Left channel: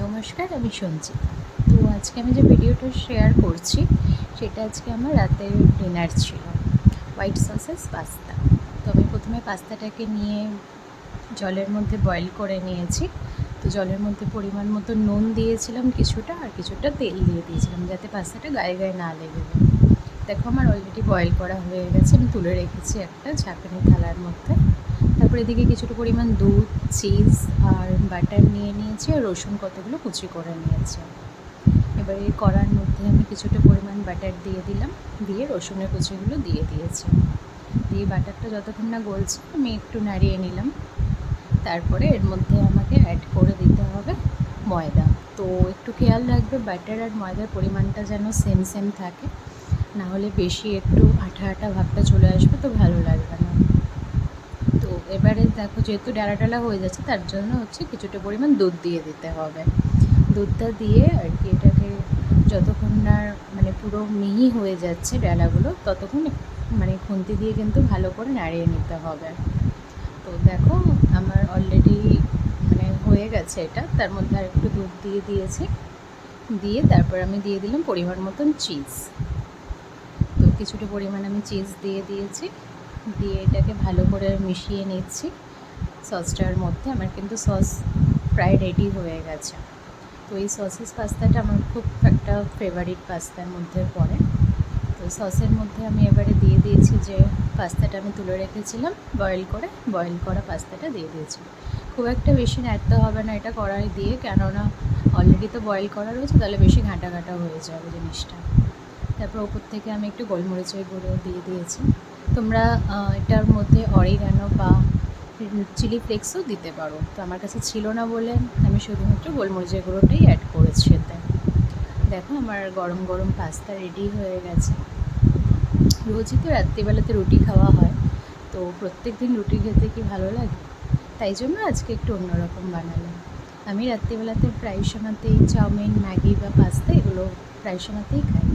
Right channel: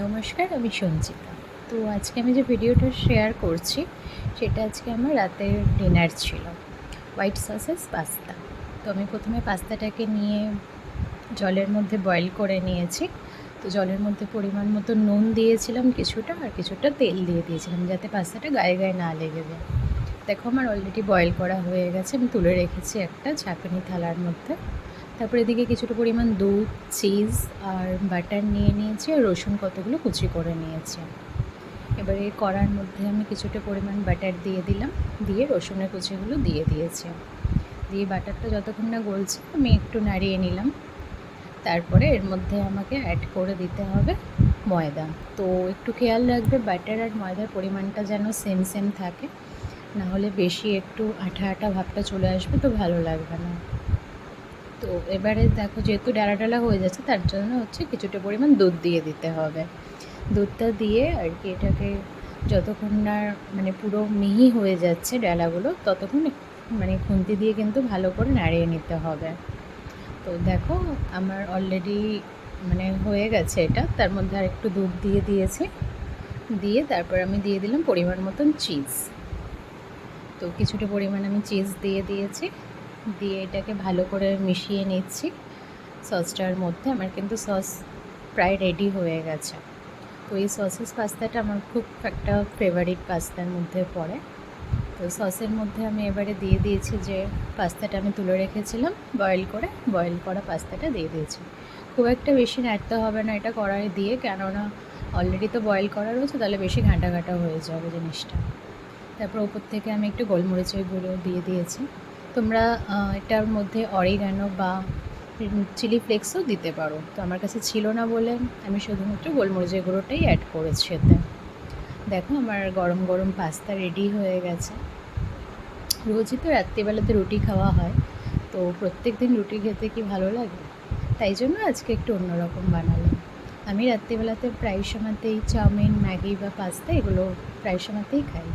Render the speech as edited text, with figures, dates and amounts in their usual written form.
নমস্কার, আমি সঞ্চিতা। তো আজকে আমি যে ভিডিওটা শেয়ার করছি সেটা আজকে আমার রাতের ডিনার ছিল, হোয়াইট সসেস পাস্তা। তো আমি প্রথমে পাস্তাটাকে নিয়ে জলের মধ্যে বয়েল করে নিয়েছি। তো জলের মধ্যে পরিমাণ মতো নুন দিয়েছিলাম কিছুটা, আর কিছুটা তেল দিয়ে দিয়েছিলাম যাতে পাস্তাটা গায়ে গায়ে না লেগে যায়। দেখো আমার অলরেডি বয়েল করা হয়ে গেছে, আমি তুলে রেখেছি একটা ঝাঁকানি থালার মধ্যে। তারপর এদিকে কিছুটা পরিমাণ দুধ, চিজ আর বাটার নিয়ে নিয়েছি, আর রসুন কতগুলো কুচি করে নিয়েছি। এবারে কড়ার মধ্যে আমি কিছুটা পরিমাণ বাটার দিয়ে দিলাম, দিয়ে রসুনের কুচিগুলো দিয়ে দিয়েছি। দিয়ে বাটারটা যতক্ষণ না গলছে আমি একটু নাড়িয়ে নিলাম। তারপরে এর মধ্যে আমাকে অ্যাড করে দিতে হবে ময়দা। তো একটু খেয়াল রাখবে বাটার আর ময়দার পরিমাণটা যেন সেম সেম থাকে, না হলে বেশি একটু আঠা আঠা ভাবটা চলে আসবে, তো ভালো লাগবে না। তো এবারে দেখো যেহেতু ডালা ডালা হয়ে যাচ্ছে তার জন্য কিছুটা পরিমাণ দুধ দিয়ে দিতে হবে। দুধটা দিয়ে আর কি এটাকে যতক্ষণ না পুরো মিহি হয়ে যাচ্ছে ডালাগুলো, ততক্ষণ খুন্তি দিয়ে কিন্তু ভালো করে নাড়িয়ে নিতে হবে। তো দেখো আমার অলরেডি হয়ে গেছে এটা। তার মধ্যে আর একটু দুধ দিয়ে দিয়েছি, দিয়ে তারপর আমি দিয়ে দিলাম পরিমাণ মতন চিজ। তো কিছুটা পরিমাণ আমি চিজ দিয়ে দিয়েছি, দিয়ে এটাকে ভালো করে মিশিয়ে নিচ্ছি সসটার মধ্যে। আমার কিন্তু সস প্রায় রেডি হয়ে গেছে। তো এই সসেস পাস্তাটা আমার খুব একটা ফেভারিট পাস্তার মধ্যে পড়ে। তো সসের মধ্যে আমি এবারে দিয়ে দিয়েছি যে পাস্তাটা আমি তুলে রেখেছিলাম বয়েল করা পাস্তাটা দিয়ে দিয়েছি। খুব একটা বেশি নাড়তে হবে না এটা কড়াই দিয়ে, কেননা অলরেডি তো বয়েল করা রয়েছে, তাহলে বেশি ঘাঁটা ঘাঁটা হয়ে যাবে জিনিসটা। তারপর ওপর থেকে আমি একটু গোলমরিচের গুঁড়ো দিয়ে দিয়েছি। তোমরা এটার মধ্যে অরিগ্যানো বা চিলি ফ্লেক্সও দিতে পারো। তো আমার কাছে ছিল না বলে আমি শুধুমাত্র গোলমরিচের গুঁড়োটাই অ্যাড করেছি এতে। দেখো আমার গরম গরম পাস্তা রেডি হয়ে গেছে। রোজই তো রাত্রিবেলাতে রুটি খাওয়া হয়, তো প্রত্যেক দিন রুটি খেতে কি ভালো লাগে? তাই জন্য আজকে একটু অন্যরকম বানালাম। আমি রাত্রিবেলাতে প্রায় সময়তেই চাউমিন, ম্যাগি বা পাস্তা এগুলো প্রায় সময়তেই খাই।